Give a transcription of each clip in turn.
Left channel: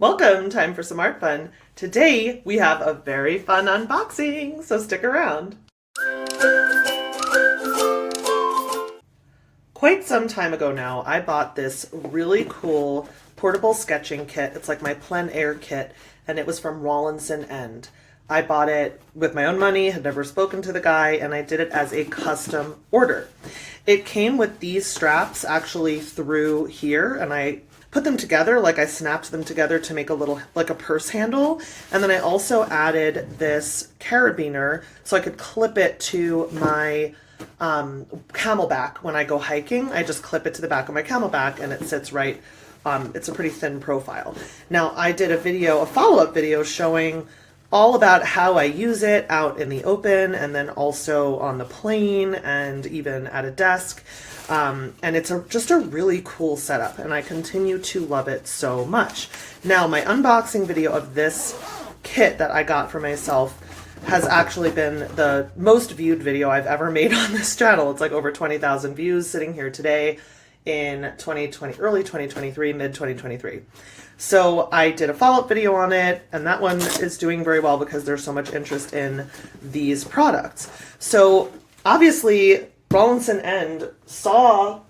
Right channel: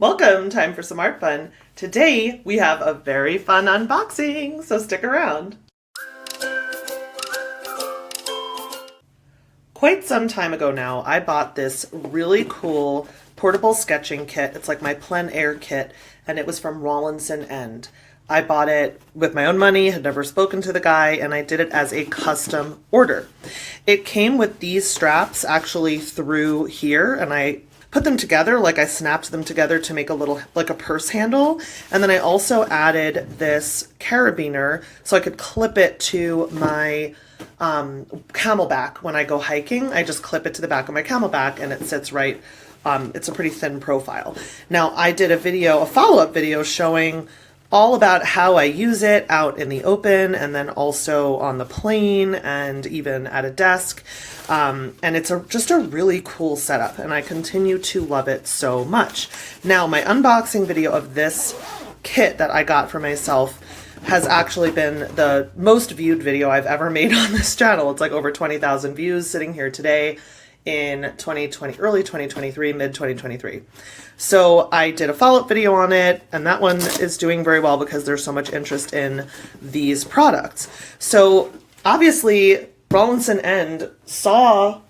Welcome, time for some art fun. Today we have a very fun unboxing, so stick around. Quite some time ago now, I bought this really cool portable sketching kit. It's like my plein air kit, and it was from Rawlinson End. I bought it with my own money, had never spoken to the guy, and I did it as a custom order. It came with these straps actually through here, and I put them together, like I snapped them together to make a little, like a purse handle. And then I also added this carabiner so I could clip it to my camelback when I go hiking. I just clip it to the back of my camelback and it sits right, it's a pretty thin profile. Now I did a follow-up video showing all about how I use it out in the open and then also on the plane and even at a desk. And it's just a really cool setup and I continue to love it so much. Now my unboxing video of this kit that I got for myself has actually been the most viewed video I've ever made on this channel. It's like over 20,000 views sitting here today in 2020, early 2023, mid 2023. So I did a follow-up video on it, and that one is doing very well because there's so much interest in these products. So obviously Rawlinson End saw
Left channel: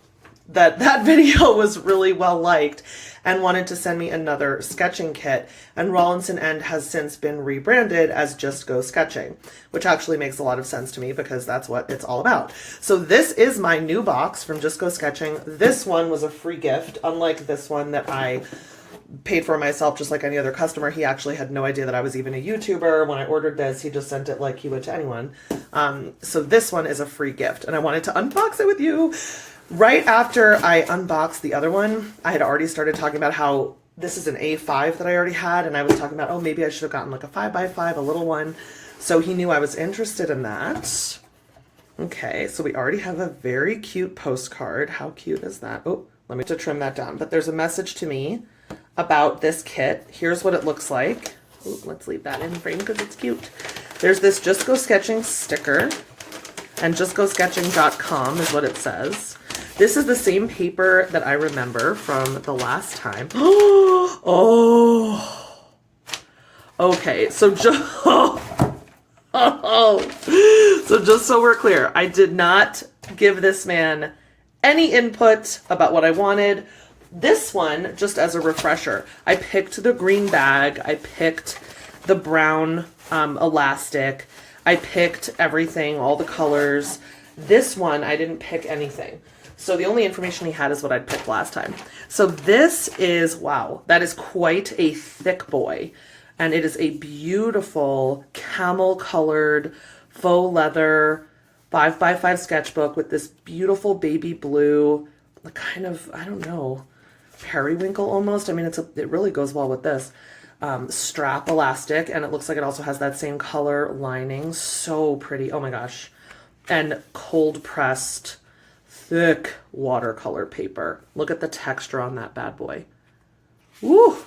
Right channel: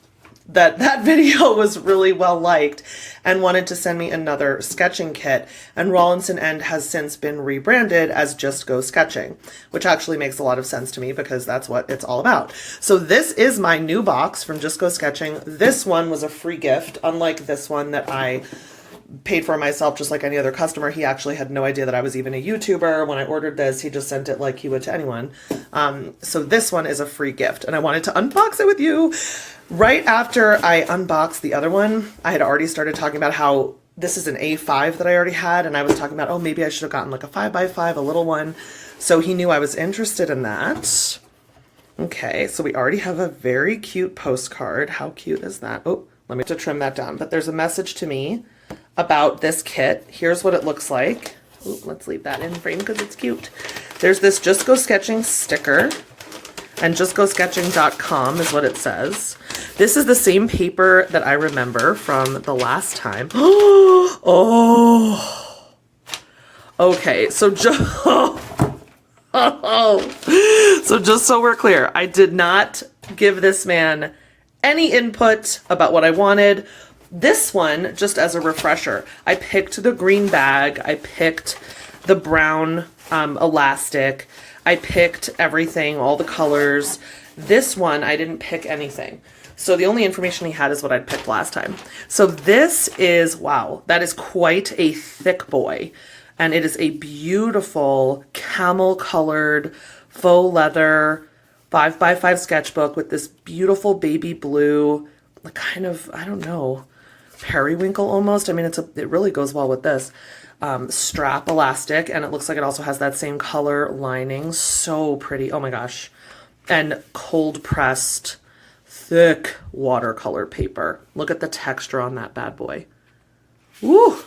that video was really well liked and wanted to send me another sketching kit, and Rawlinson End has since been rebranded as Just Go Sketching, which actually makes a lot of sense to me because that's what it's all about. So this is my new box from Just Go Sketching. This one was a free gift, unlike this one that I paid for myself just like any other customer. He actually had no idea that I was even a YouTuber. When I ordered this, he just sent it like he would to anyone. So this one is a free gift and I wanted to unbox it with you. Right after I unboxed the other one, I had already started talking about how this is an A5 that I already had, and I was talking about, oh, maybe I should have gotten like a 5x5, a little one. So he knew I was interested in that. Okay, so we already have a very cute postcard. How cute is that? Oh, let me just trim that down. But there's a message to me about this kit. Here's what it looks like. Ooh, let's leave that in frame because it's cute. There's this Just Go Sketching sticker, and justgosketching.com is what it says. This is the same paper that I remember from the last time. Oh, okay. So just so we're clear, I did not give this man any input about what I wanted. This one, just as a refresher, I picked the green bag. I picked the brown elastic. I picked everything, all the colors. This one, I didn't pick anything. So the only information he had is what I'd picked last time. So this is, wow, that is quite a thick boy. And it is a beautiful camel colored faux leather 5x5 sketchbook with this beautiful baby blue, kind of, I don't know, periwinkle almost. I mean, it really goes well with this. Strap elastic, and it looks like it also has that same color lining. So pretty. Oh my gosh. And cold pressed thick watercolor paper. Look at the texture on that bad boy. Woo!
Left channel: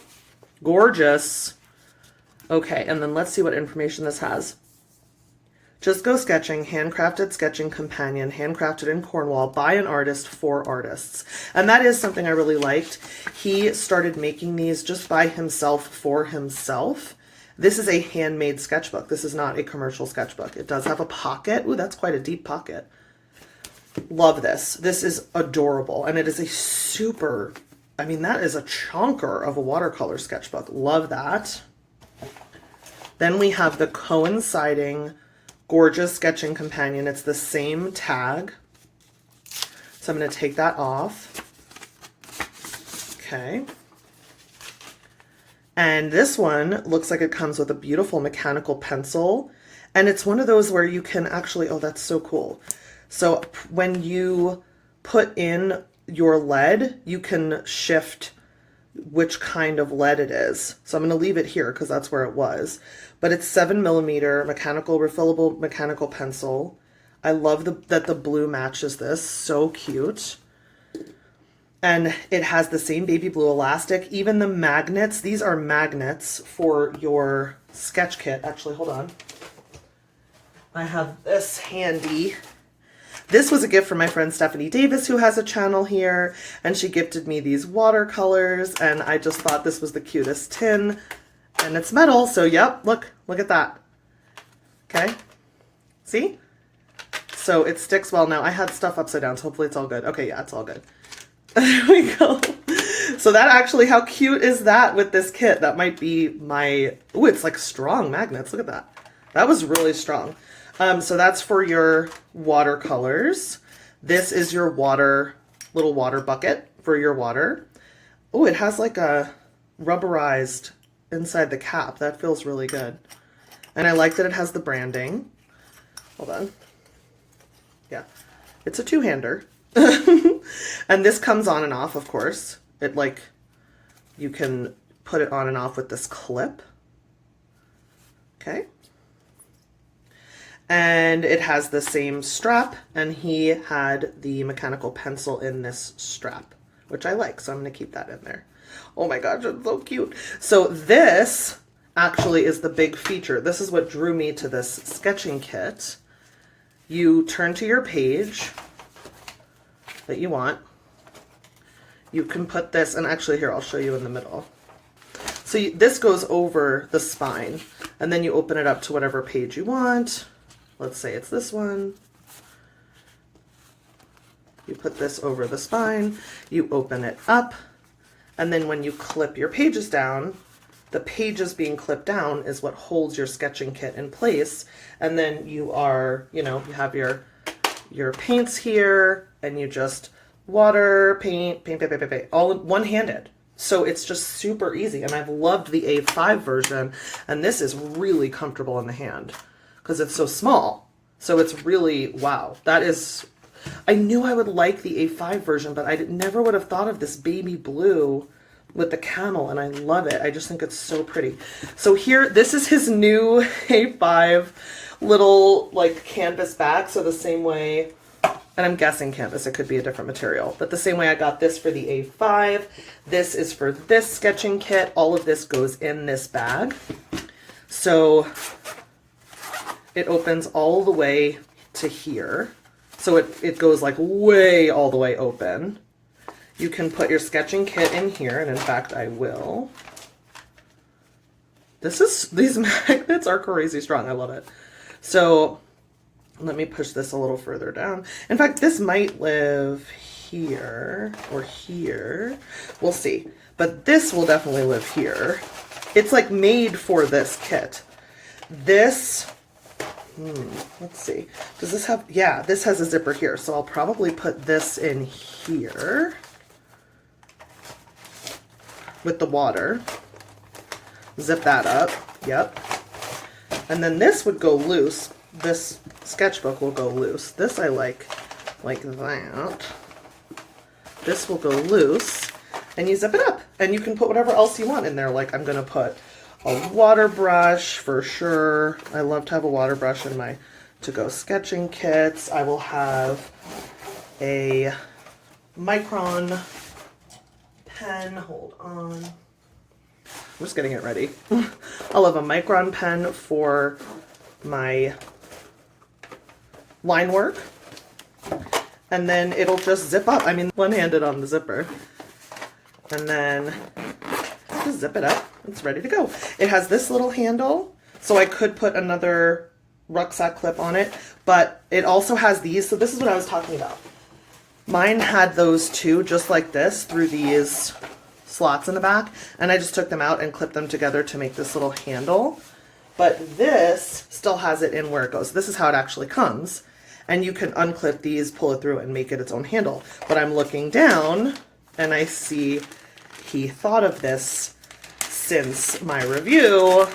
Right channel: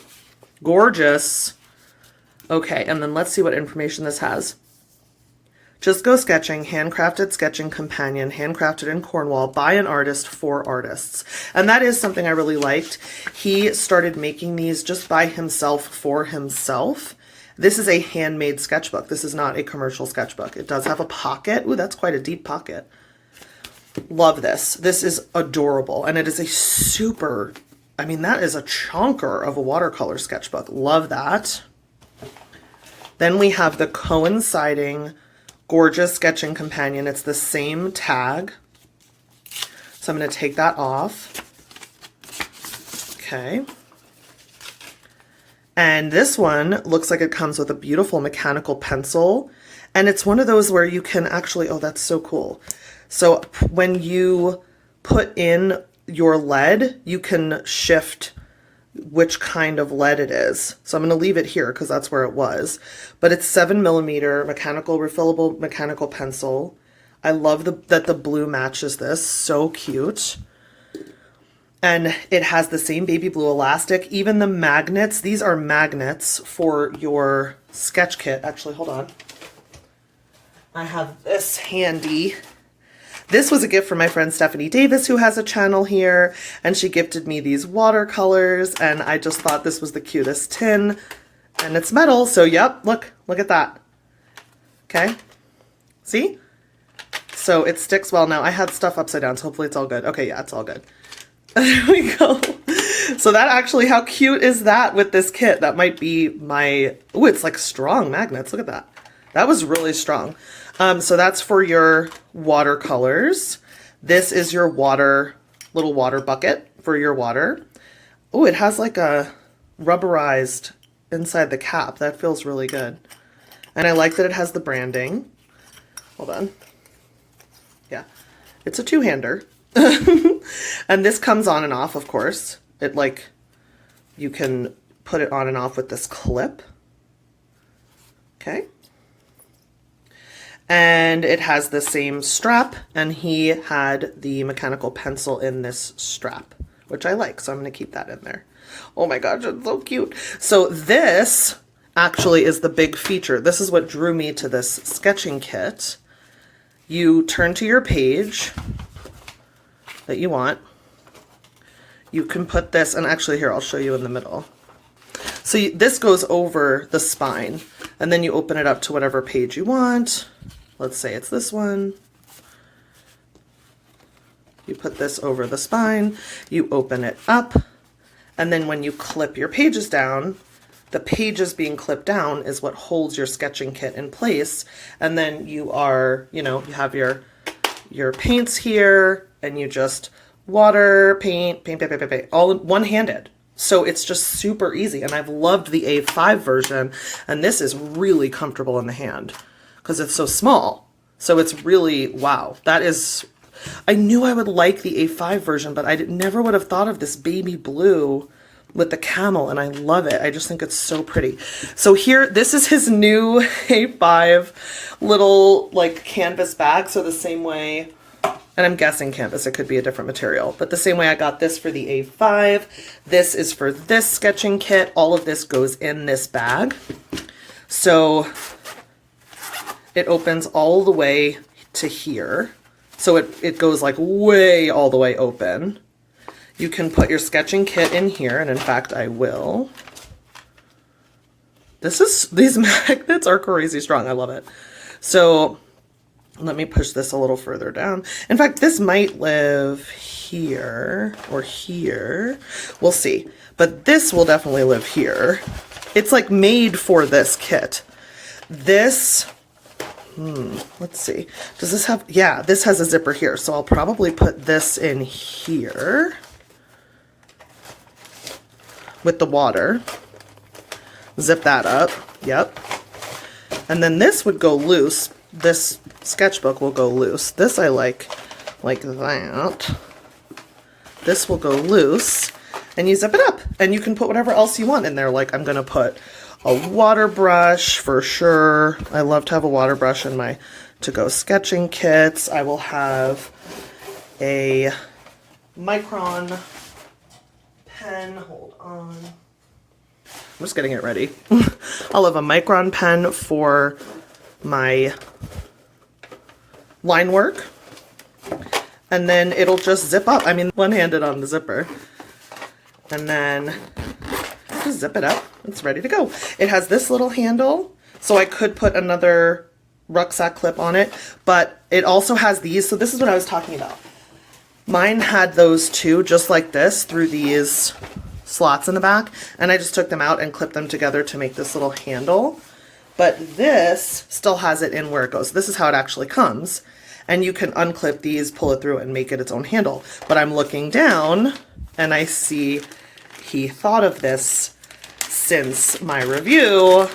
Gorgeous. Okay, and then let's see what information this has. Just Go Sketching, handcrafted sketching companion, handcrafted in Cornwall by an artist for artists. And that is something I really liked. He started making these just by himself for himself. This is a handmade sketchbook. This is not a commercial sketchbook. It does have a pocket. Ooh, that's quite a deep pocket. Love this. This is adorable. And it is a super, I mean, that is a chunker of a watercolor sketchbook. Love that. Then we have the coinciding gorgeous sketching companion. It's the same tag. So I'm going to take that off. Okay. And this one looks like it comes with a beautiful mechanical pencil. And it's one of those where you can actually, oh, that's so cool. So when you put in your lead, you can shift which kind of lead it is. So I'm going to leave it here because that's where it was. But it's 7mm mechanical, refillable mechanical pencil. I love that the blue matches this. So cute. And it has the same baby blue elastic. Even the magnets, these are magnets for your sketch kit. Actually, hold on. I have this handy. This was a gift from my friend Stephanie Davis, who has a channel here, and she gifted me these watercolors, and I just thought this was the cutest tin, and it's metal, so yep, look at that. Okay, see? So it sticks well. Now I had stuff upside down, so hopefully it's all good. Okay, yeah, it's all good. There we go. So that actually, how cute is that with this kit? That might be my, oh, it's like strong magnets. Look at that. That was really strong. So that's for your watercolors. This is your little water bucket for your water. Oh, it has like a rubberized inside the cap. That feels really good. And I like that it has the branding. Hold on. Yeah, it's a two-hander. And this comes on and off, of course. It like, you can put it on and off with this clip. Okay. And it has the same strap, and he had the mechanical pencil in this strap, which I like, so I'm going to keep that in there. Oh my gosh, it's so cute. So this actually is the big feature. This is what drew me to this sketching kit. You turn to your page that you want. You can put this, and actually here, I'll show you in the middle. So this goes over the spine, and then you open it up to whatever page you want. Let's say it's this one. You put this over the spine, you open it up, and then when you clip your pages down, the pages being clipped down is what holds your sketching kit in place. And then you are, you have your paints here, and you just water, paint, all one-handed. So it's just super easy. And I've loved the A5 version, and this is really comfortable in the hand because it's so small. So it's really, wow. That is, I knew I would like the A5 version, but I never would have thought of this baby blue with the camel, and I love it. I just think it's so pretty. So here, this is his new A5 little like canvas bag. So the same way, and I'm guessing canvas, it could be a different material, but the same way I got this for the A5, this is for this sketching kit. All of this goes in this bag. So it opens all the way to here. So it goes like way all the way open. You can put your sketching kit in here, and in fact I will. These magnets are crazy strong. I love it. So let me push this a little further down. In fact, this might live here or here. We'll see. But this will definitely live here. It's like made for this kit. This, let's see. Does this have, yeah, this has a zipper here. So I'll probably put this in here with the water. Zip that up. Yep. And then this would go loose. This sketchbook will go loose. This I like that. This will go loose, and you zip it up, and you can put whatever else you want in there. Like I'm gonna put a water brush for sure. I love to have a water brush in my to-go sketching kits. I will have a Micron pen. Hold on. I'm just getting it ready. I'll have a Micron pen for my line work, and then it'll just zip up. I mean, one-handed on the zipper, and then just zip it up. It's ready to go. It has this little handle, so I could put another rucksack clip on it, but it also has these. So this is what I was talking about. Mine had those too, just like this, through these slots in the back, and I just took them out and clipped them together to make this little handle. But this still has it in where it goes. This is how it actually comes. And you can unclip these, pull it through, and make it its own handle. But I'm looking down, and I see he thought of this since my review.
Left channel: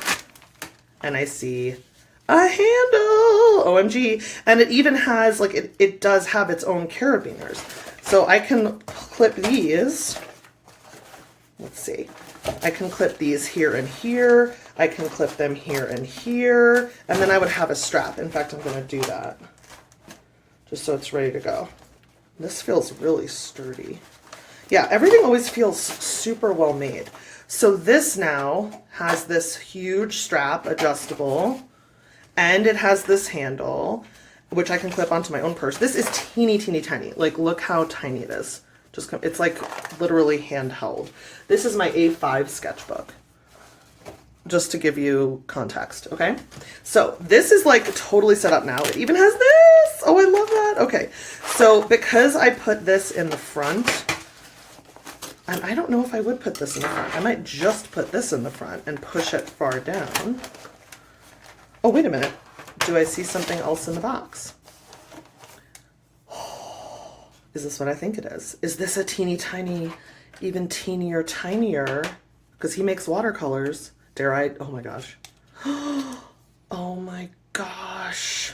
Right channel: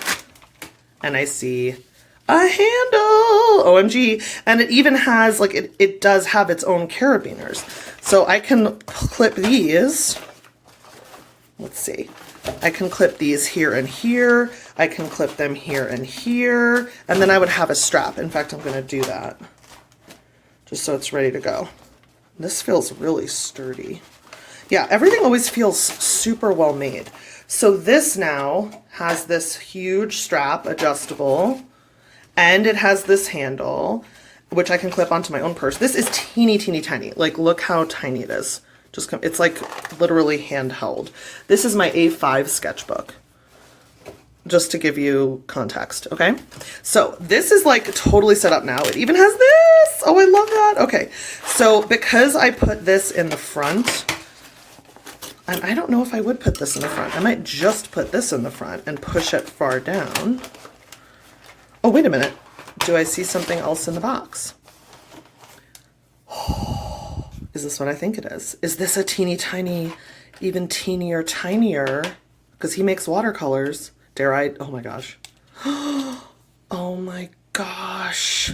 And I see a handle! OMG. And it even has, like, it does have its own carabiners. So I can clip these. Let's see. I can clip these here and here. I can clip them here and here. And then I would have a strap. In fact, I'm going to do that just so it's ready to go. This feels really sturdy. Yeah, everything always feels super well made. So this now has this huge strap, adjustable, and it has this handle. which I can clip onto my own purse. This is teeny, teeny, tiny. Like, look how tiny it is. It's like literally handheld. This is my A5 sketchbook, just to give you context, okay? So this is like totally set up now. It even has this. Oh, I love that. Okay, so because I put this in the front, and I don't know if I would put this in the front. I might just put this in the front and push it far down. Oh, wait a minute. Do I see something else in the box? Is this what I think it is? Is this a teeny tiny, even teenier, tinier? Because he makes watercolors. Dare I? Oh my gosh. Oh my gosh.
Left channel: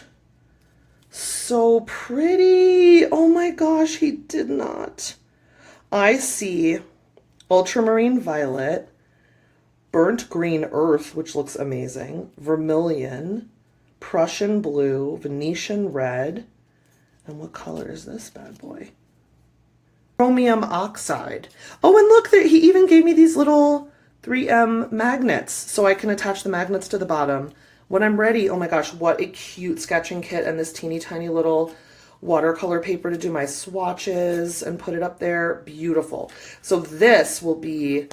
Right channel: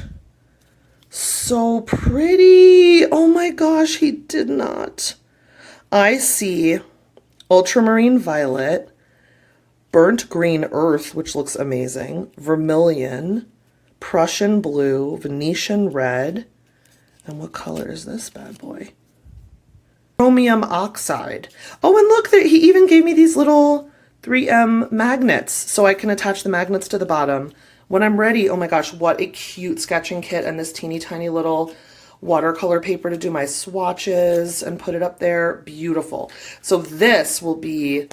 So pretty. Oh my gosh, he did not. I see ultramarine violet, burnt green earth, which looks amazing, vermilion, Prussian blue, Venetian red, and what color is this bad boy? Chromium oxide. Oh, and look, he even gave me these little 3M magnets, so I can attach the magnets to the bottom when I'm ready. Oh my gosh, what a cute sketching kit, and this teeny tiny little watercolor paper to do my swatches and put it up there. Beautiful. So this will be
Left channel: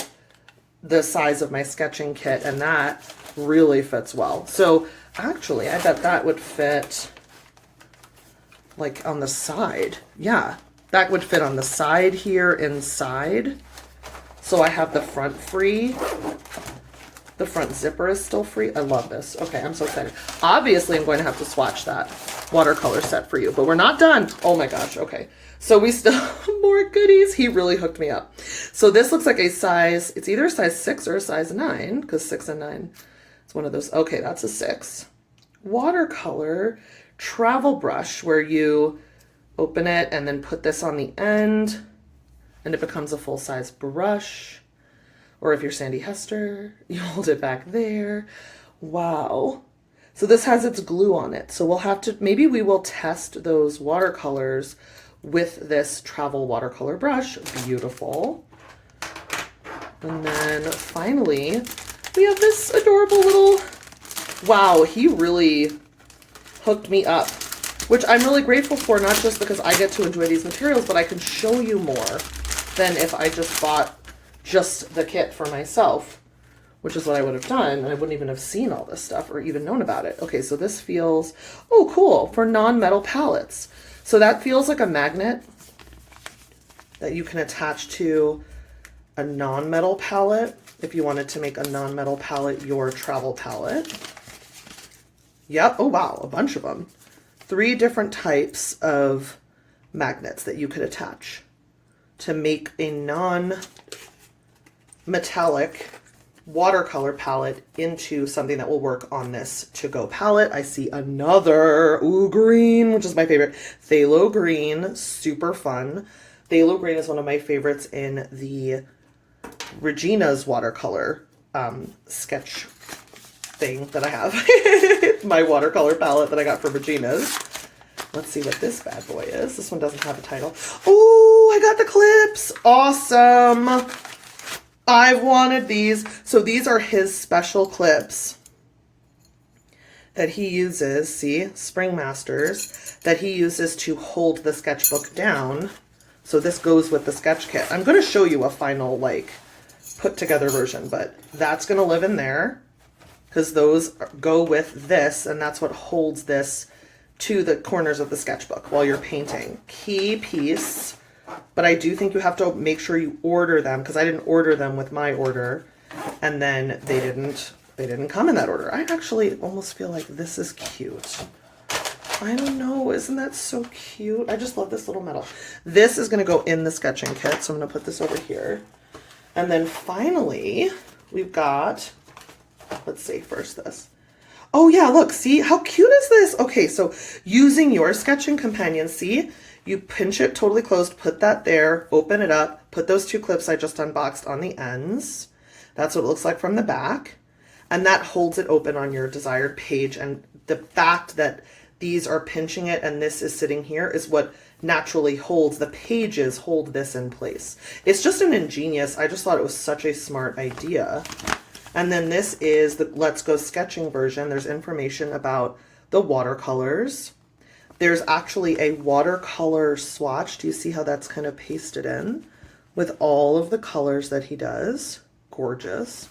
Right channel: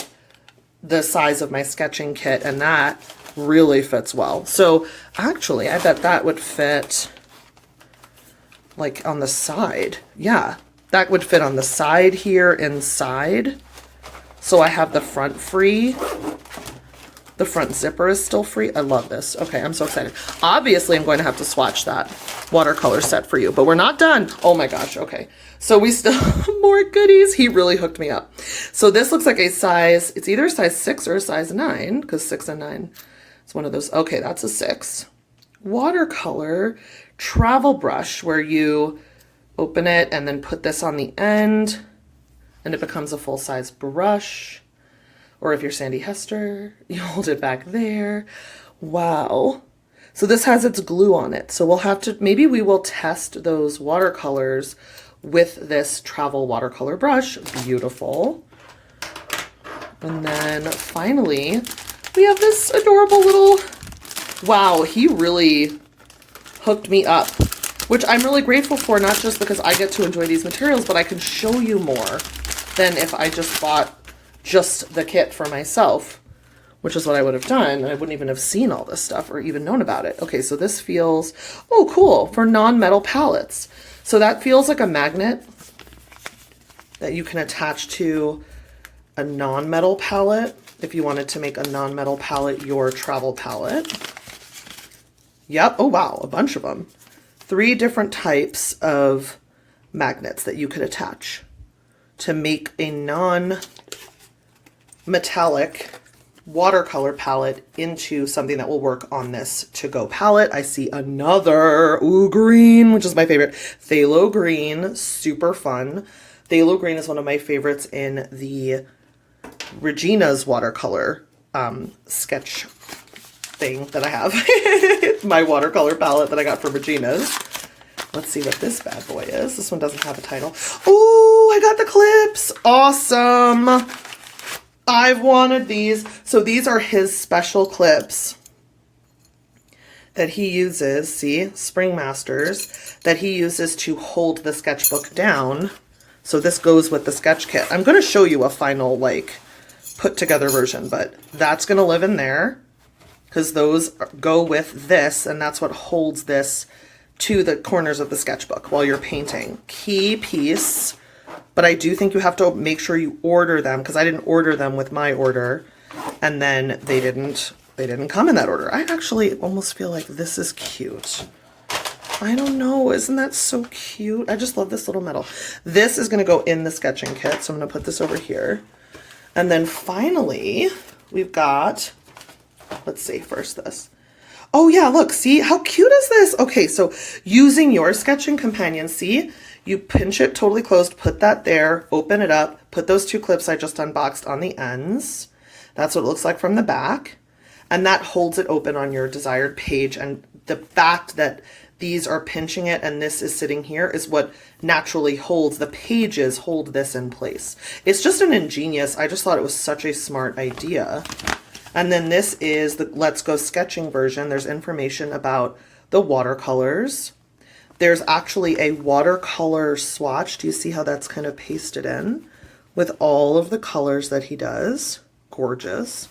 the size of my sketching kit, and that really fits well. So actually, I bet that would fit like on the side. Yeah, that would fit on the side here inside. So I have the front free. The front zipper is still free. I love this. Okay, I'm so excited. Obviously, I'm going to have to swatch that watercolor set for you, but we're not done. Oh my gosh, okay. So we still have more goodies. He really hooked me up. So this looks like a size, it's either a size 6 or a size 9, because 6 and 9 is one of those. Okay, that's a 6. Watercolor travel brush, where you open it and then put this on the end, and it becomes a full-size brush. Or if you're Sandy Hester, you hold it back there. Wow. So this has its glue on it. So we'll have to, maybe we will test those watercolors with this travel watercolor brush. Beautiful. And then finally, we have this adorable little, wow, he really hooked me up, which I'm really grateful for, not just because I get to enjoy these materials, but I can show you more than if I just bought just the kit for myself, which is what I would have done. And I wouldn't even have seen all this stuff or even known about it. Okay, so this feels, oh cool, for non-metal palettes. So that feels like a magnet that you can attach to a non-metal palette if you wanted to make a non-metal palette your travel palette. Yep, oh wow, a bunch of them. 3 different types of magnets that you could attach to make a non-metallic watercolor palette into something that will work on this to-go palette. I see another, ooh, green, which is my favorite. Phthalo green, super fun. Phthalo green is one of my favorites in the Regina's watercolor sketch thing that I have. My watercolor palette that I got from Regina's. Let's see what this bad boy is. This one doesn't have a title. Oh, I got the clips. Awesome. I've wanted these. So these are his special clips that he uses, see, Spring Masters, that he uses to hold the sketchbook down. So this goes with the sketch kit. I'm going to show you a final, like, put together version, but that's going to live in there because those go with this, and that's what holds this to the corners of the sketchbook while you're painting. Key piece. But I do think you have to make sure you order them, because I didn't order them with my order, and then they didn't come in that order. I actually almost feel like this is cute. I don't know, isn't that so cute? I just love this little metal. This is gonna go in the sketching kit, so I'm gonna put this over here. And then finally, we've got, let's see, first this. Oh yeah, look, see, how cute is this? Okay, so using your sketching companion, see? You pinch it totally closed, put that there, open it up, put those 2 clips I just unboxed on the ends. That's what it looks like from the back. And that holds it open on your desired page. And the fact that these are pinching it and this is sitting here is what naturally holds, the pages hold this in place. It's just an ingenious, I just thought it was such a smart idea. And then this is the Let's Go Sketching version. There's information about the watercolors, there's actually a watercolor swatch. Do you see how that's kind of pasted in with all of the colors that he does? Gorgeous.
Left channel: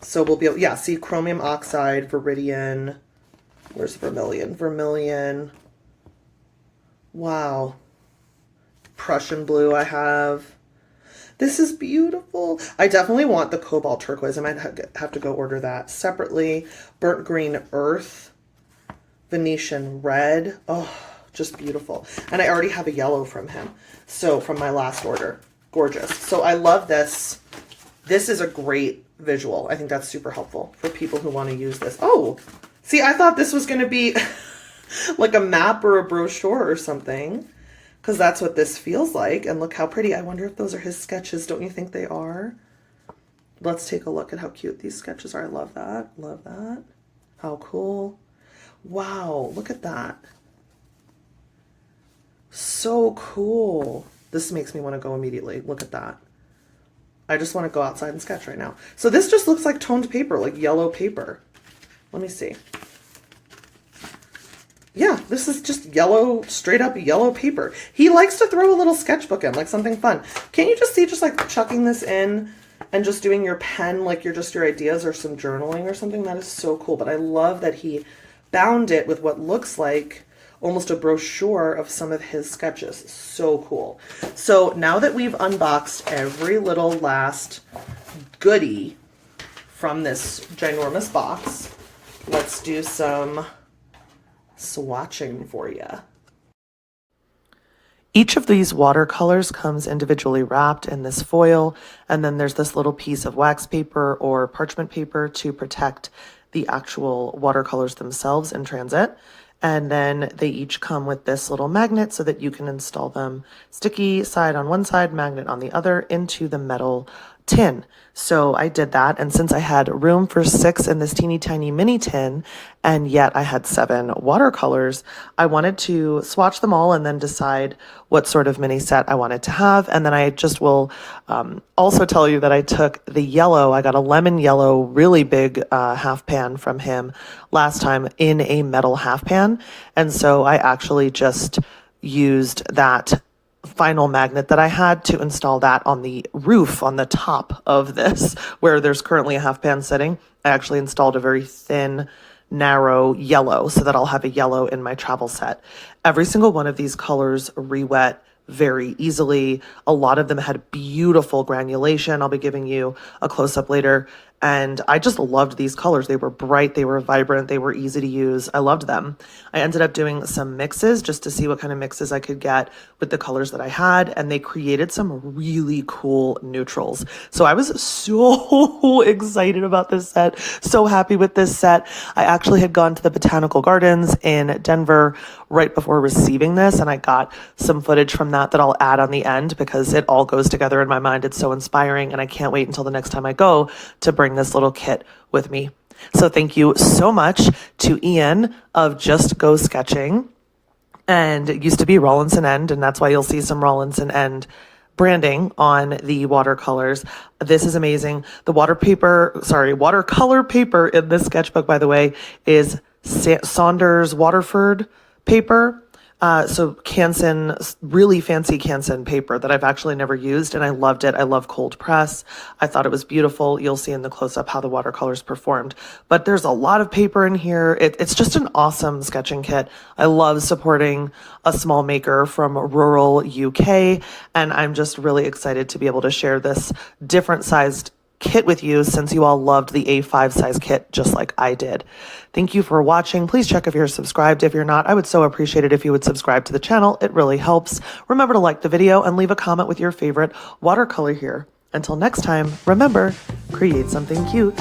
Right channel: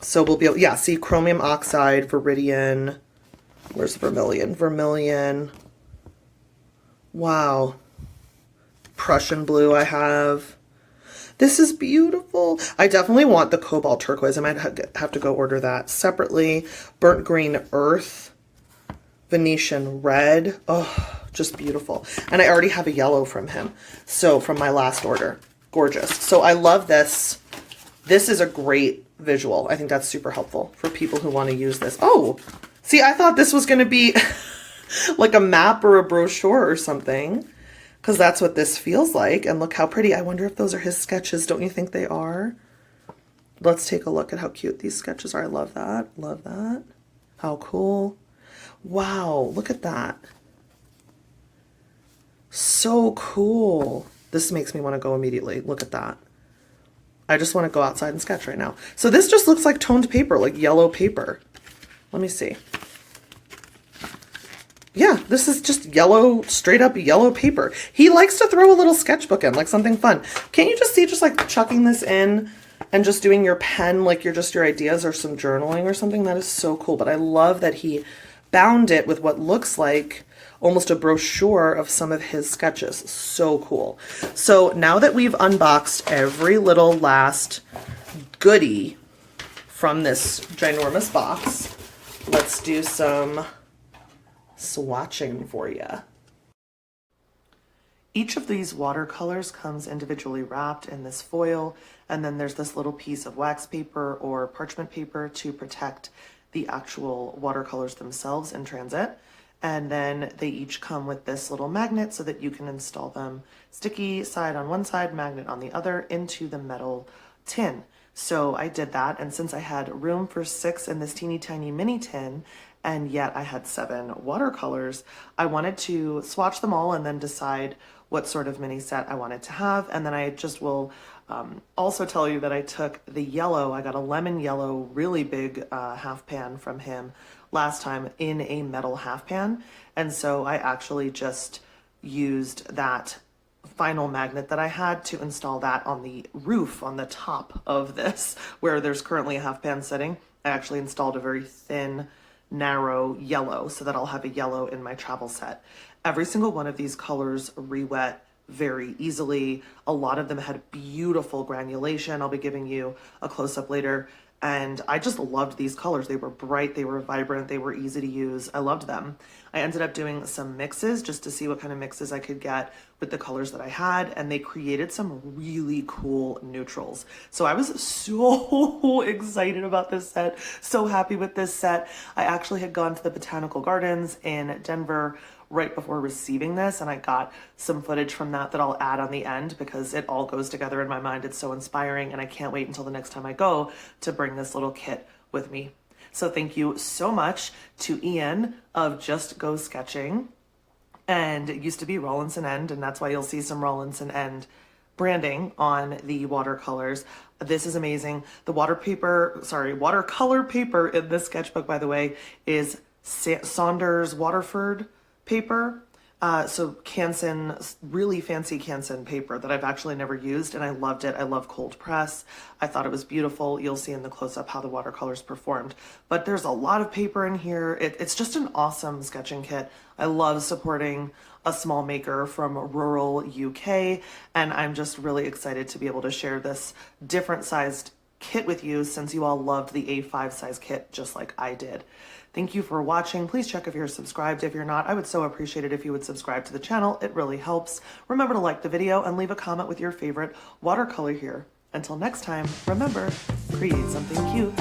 So we'll be able, yeah, see chromium oxide, viridian, where's vermilion? Vermilion. Wow. Prussian blue I have. This is beautiful. I definitely want the cobalt turquoise. I might have to go order that separately. Burnt green earth, Venetian red. Oh, just beautiful. And I already have a yellow from him. So from my last order. Gorgeous. So I love this. This is a great visual. I think that's super helpful for people who want to use this. Oh, see, I thought this was going to be like a map or a brochure or something, because that's what this feels like. And look how pretty. I wonder if those are his sketches. Don't you think they are? Let's take a look at how cute these sketches are. I love that. Love that. How cool. Wow, look at that. So cool. This makes me want to go immediately. Look at that. I just want to go outside and sketch right now. So this just looks like toned paper, like yellow paper. Let me see. Yeah, this is just yellow, straight up yellow paper. He likes to throw a little sketchbook in, like something fun. Can't you just see just like chucking this in and just doing your pen like you're just your ideas or some journaling or something? That is so cool. But I love that he bound it with what looks like almost a brochure of some of his sketches. So cool. So now that we've unboxed every little last goodie from this ginormous box, let's do some swatching for you. Each of these watercolors comes individually wrapped in this foil, and then there's this little piece of wax paper or parchment paper to protect the actual watercolors themselves in transit. And then they each come with this little magnet so that you can install them sticky side on one side, magnet on the other, into the metal tin. So I did that, and since I had room for 6 in this teeny tiny mini tin, and yet I had 7 watercolors, I wanted to swatch them all and then decide what sort of mini set I wanted to have. And then I just will also tell you that I took the yellow. I got a lemon yellow, really big half pan from him last time in a metal half pan. And so I actually just used that final magnet that I had to install that on the roof on the top of this, where there's currently a half pan sitting. I actually installed a very thin, narrow yellow so that I'll have a yellow in my travel set. Every single one of these colors re-wet very easily. A lot of them had beautiful granulation. I'll be giving you a close-up later. And I just loved these colors. They were bright, they were vibrant, they were easy to use. I loved them. I ended up doing some mixes just to see what kind of mixes I could get with the colors that I had, and they created some really cool neutrals. So I was so excited about this set, so happy with this set. I actually had gone to the Botanical Gardens in Denver right before receiving this, and I got some footage from that I'll add on the end because it all goes together in my mind. It's so inspiring, and I can't wait until the next time I go to bring this little kit with me. So thank you so much to Ian of Just Go Sketching, and it used to be Rawlinson End, and that's why you'll see some Rawlinson End branding on the watercolors. This is amazing. The watercolor paper in this sketchbook, by the way, is Saunders Waterford paper. So Canson, really fancy Canson paper that I've actually never used, and I loved it. I love cold press. I thought it was beautiful. You'll see in the close-up how the watercolors performed. But there's a lot of paper in here. It's just an awesome sketching kit. I love supporting a small maker from rural UK, and I'm just really excited to be able to share this different sized kit with you since you all loved the A5 size kit just like I did. Thank you for watching. Please check if you're subscribed. If you're not, I would so appreciate it if you would subscribe to the channel. It really helps. Remember to like the video and leave a comment with your favorite watercolor here. Until next time, remember, create something cute.